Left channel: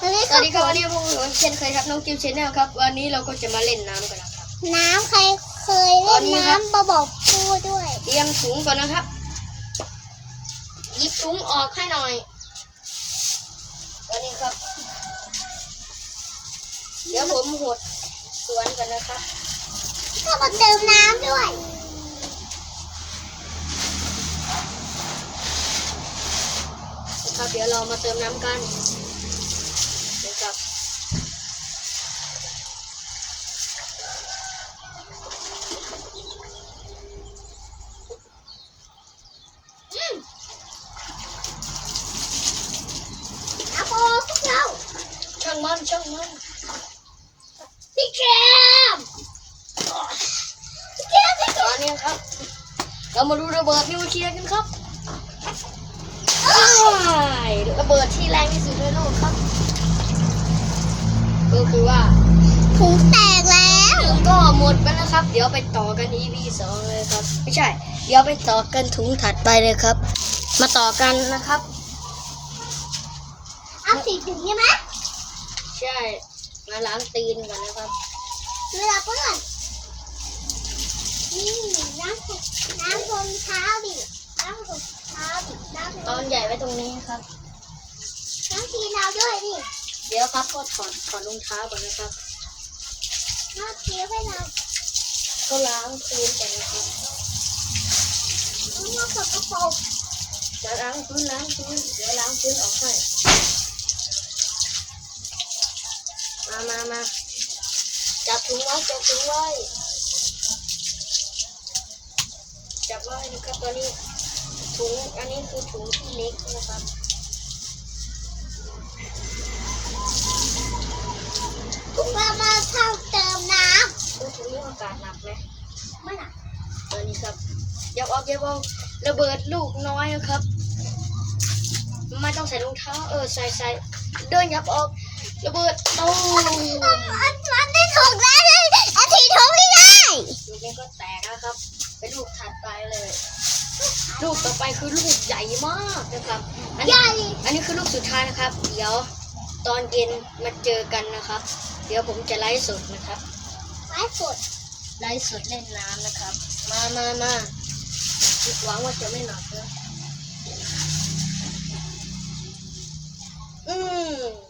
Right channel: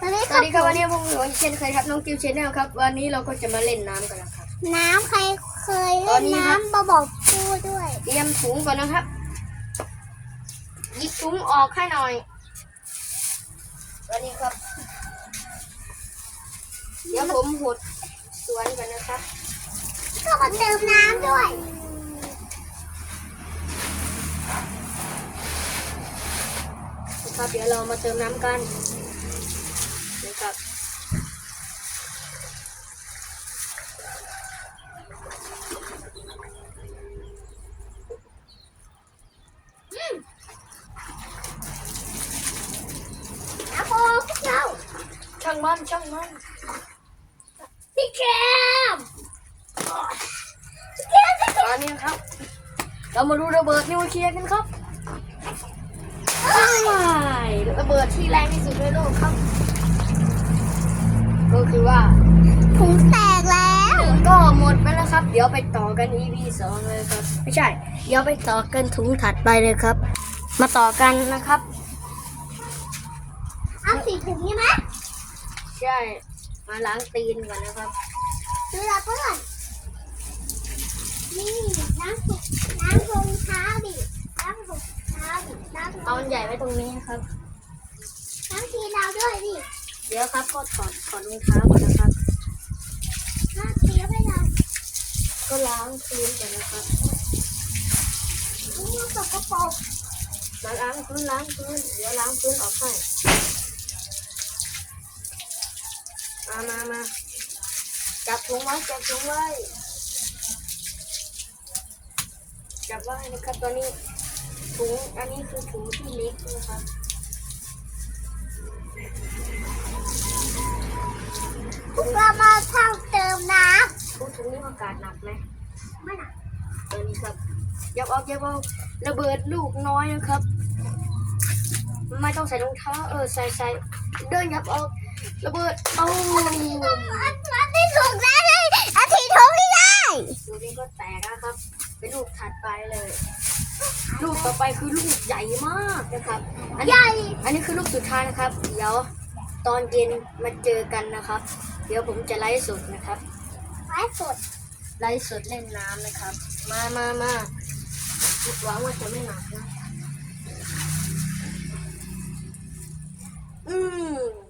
สวัสดีสครัวับสดีครับวันนี้พวกผมเช่นเคยครับน้องกิวชแนลครับ วันนี้เราก็จะมาเล่นน้ำกันนะครับ น้ำใครเคยตอเล่นนนี้ครับ น้ำมาบอกพูดด้วย เตรียมถุงก่อนนะครับหยิบถุงออกให้หน่อยสวัสดีครับ เดี๋ยวผมหดสวนกันนะครับ ก็มาเติมน้ำด้วย นะครับเดี๋ยวเรามาเติมน้ำกันนะครับ อะโคพวกเรา ช่างมันช่างมันพี่แคมตอนนี้ครับ เรามาดูระเบิดนิวเคลียร์กันครับอ้ายระเบิดที่แรงที่สุดในโลกครับ ก็คือว่าถุงแตกแล้วหนึ่งก็หมดไปแล้วครับ เดี๋ยวไปต่อกัน EP สองเลยครับ ไม่ใช่ เดี๋ยวไปต่อกันถุงถัดไปเลยครับ มาต่อกันนะครับเอาสีถุงใช่ไหม ใช่ มาล้างตีนก่อนนะครับคือเราเพื่อนนี่น้ำถุงน้ำรองเท้าดิน้ำรองเท้าดิน้ำรเอาองอันใหญ่ไว้ตรงนี้นะครับ น้ำกินเราด้วยดิ เดี๋ยวครับก็ถอดถอดรองเท้าก่อนนะครับน้ำเคี้ยวให้เราก็ล้างพื้นก่อนนะครับลูกน้องสกปรกมาล้างพื้นล้างพื้นเดี๋ยวล้างพื้นออกให้ มามามาจับถุงไว้จับถุงไว้จับไว้นะครับตอนนี้ถุงอันนี้คือถุงที่เล็กนะครับพวกเรามาเข้าเติมน้โอ้ถุงนี้อากาศหนักไหมำไม่หนักอันนี้ครับยับออกยับออกระเบิดลูกน้อยนะครับไม่ต้องใส่รองเท้าเออใส่ใส่เดินยับออกระเบิดตู นี้ญ่อันนี้คือลูกสุดท้ายนะครับ เดี๋ยวตอนเย็นมาเจอกันนะครับ เดี๋ยวผมจะไลฟ์สดนะครับไม้สด ไลฟ์สดเล่นน้ำนะครับ มามามาหวังว่าจะไม่หนักนะอืม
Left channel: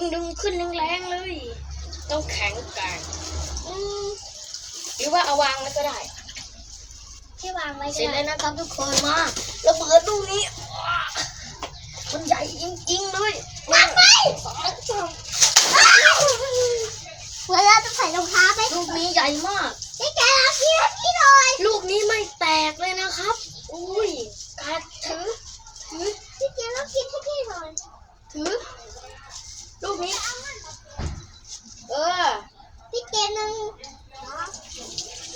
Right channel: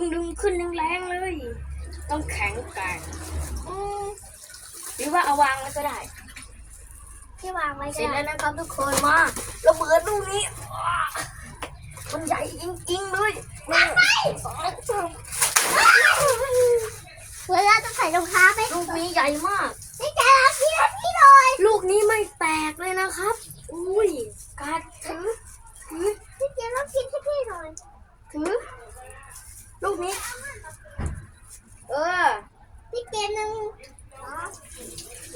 ดึงดึงขึ้นแรงๆเลย ต้องแข็งแกร่งอืมหรือว่าเอาวางแล้วก็ได้ ที่วางไว้เสร็จได้แล้วนะครับทุกคนมาระเบิดลูกนี้ว้ามันใหญ่จริงๆเลย มาไงเวลาต้องใส่รองเท้าไป ลูกนี้ใหญ่มาก นี่แกเอาที่นี่หน่อย ลูกนี้ไม่แตกเลยนะครับ อุ้ยกัดถือ ถือ นี่แกต้องกินให้พี่หน่อย ถือ ลูกนี้ เออ พี่เกหนึ่ง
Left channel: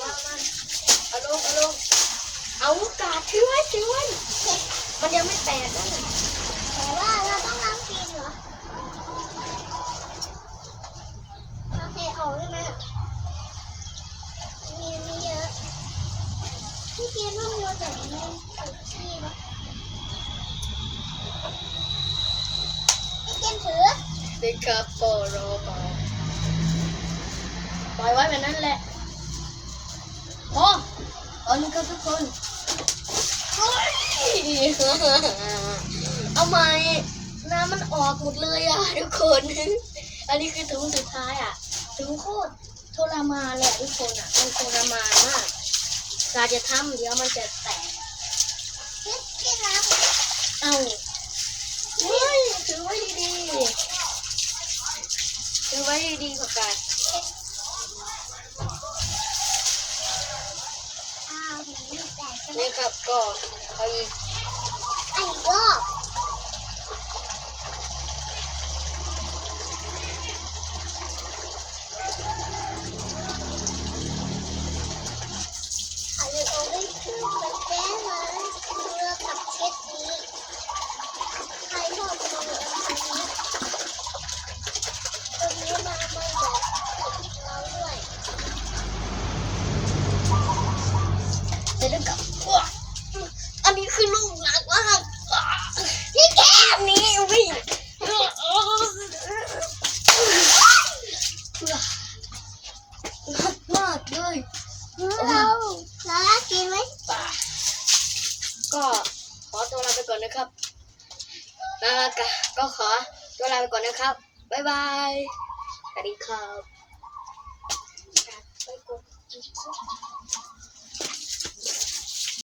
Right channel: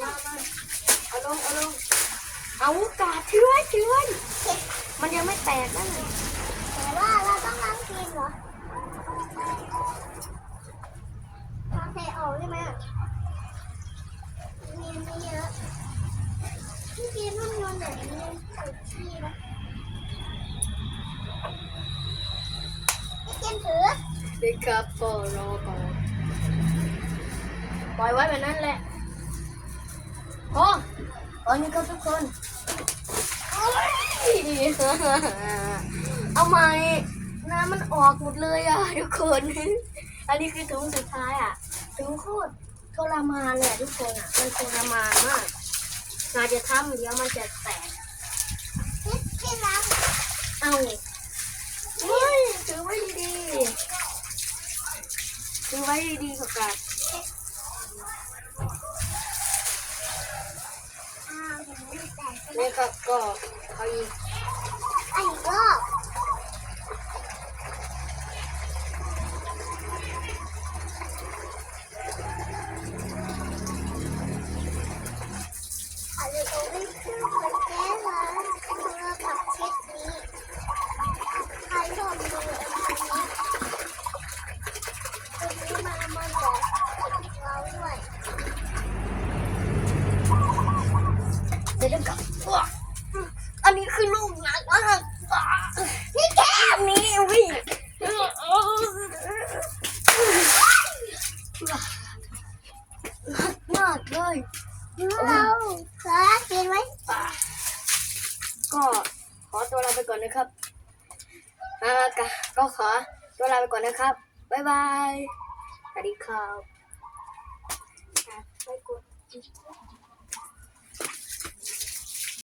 มามาเอาลงเอาลงเอากาดถือไว้ถือไว้ มันยังไม่แตกนะแต่ว่าเราต้องน้ำกินเหรอโอเคออกได้ไหมอะมีไม่เยอะพี่เกต้องโยนแบบนี้ที่นะพี่เกถือเด็กครับปอรอก่อนปล่อยไว้แบบนั้นแหละโอ้ตอนนี้ก็ทุกคน เอาใหม่น้ำมันออกหมดเลยอะทุกคน อันนี้คือถุงสุดท้ายอะถุงโคตรทรมานเลยอะทุกคนอะมันทรมานมากการจะทำเดี๋ยวมันจะแตกพี่พี่รักเอาเฮ้ยถือไว้ดีๆถือไว้ดีๆกว่ากันอ้าวหนูแตกไปแล้นี่วครับก็เอาอีก อันอีกรอบอาจจะต้องได้มันแก้มาเพื่อกับเช็ดนี้ใครชอบดูอันนี้ตรงนี้มา คือลูกหนักมากนี่แค่นี้วิ่งหนักมาก เลยเราเรากินไหมก็ขอตัวลาไปก่อนนะครับอ่ากะก็ขอตัวลาไปก่อนนะครับ บ๊ายบาย สวัสดีครับ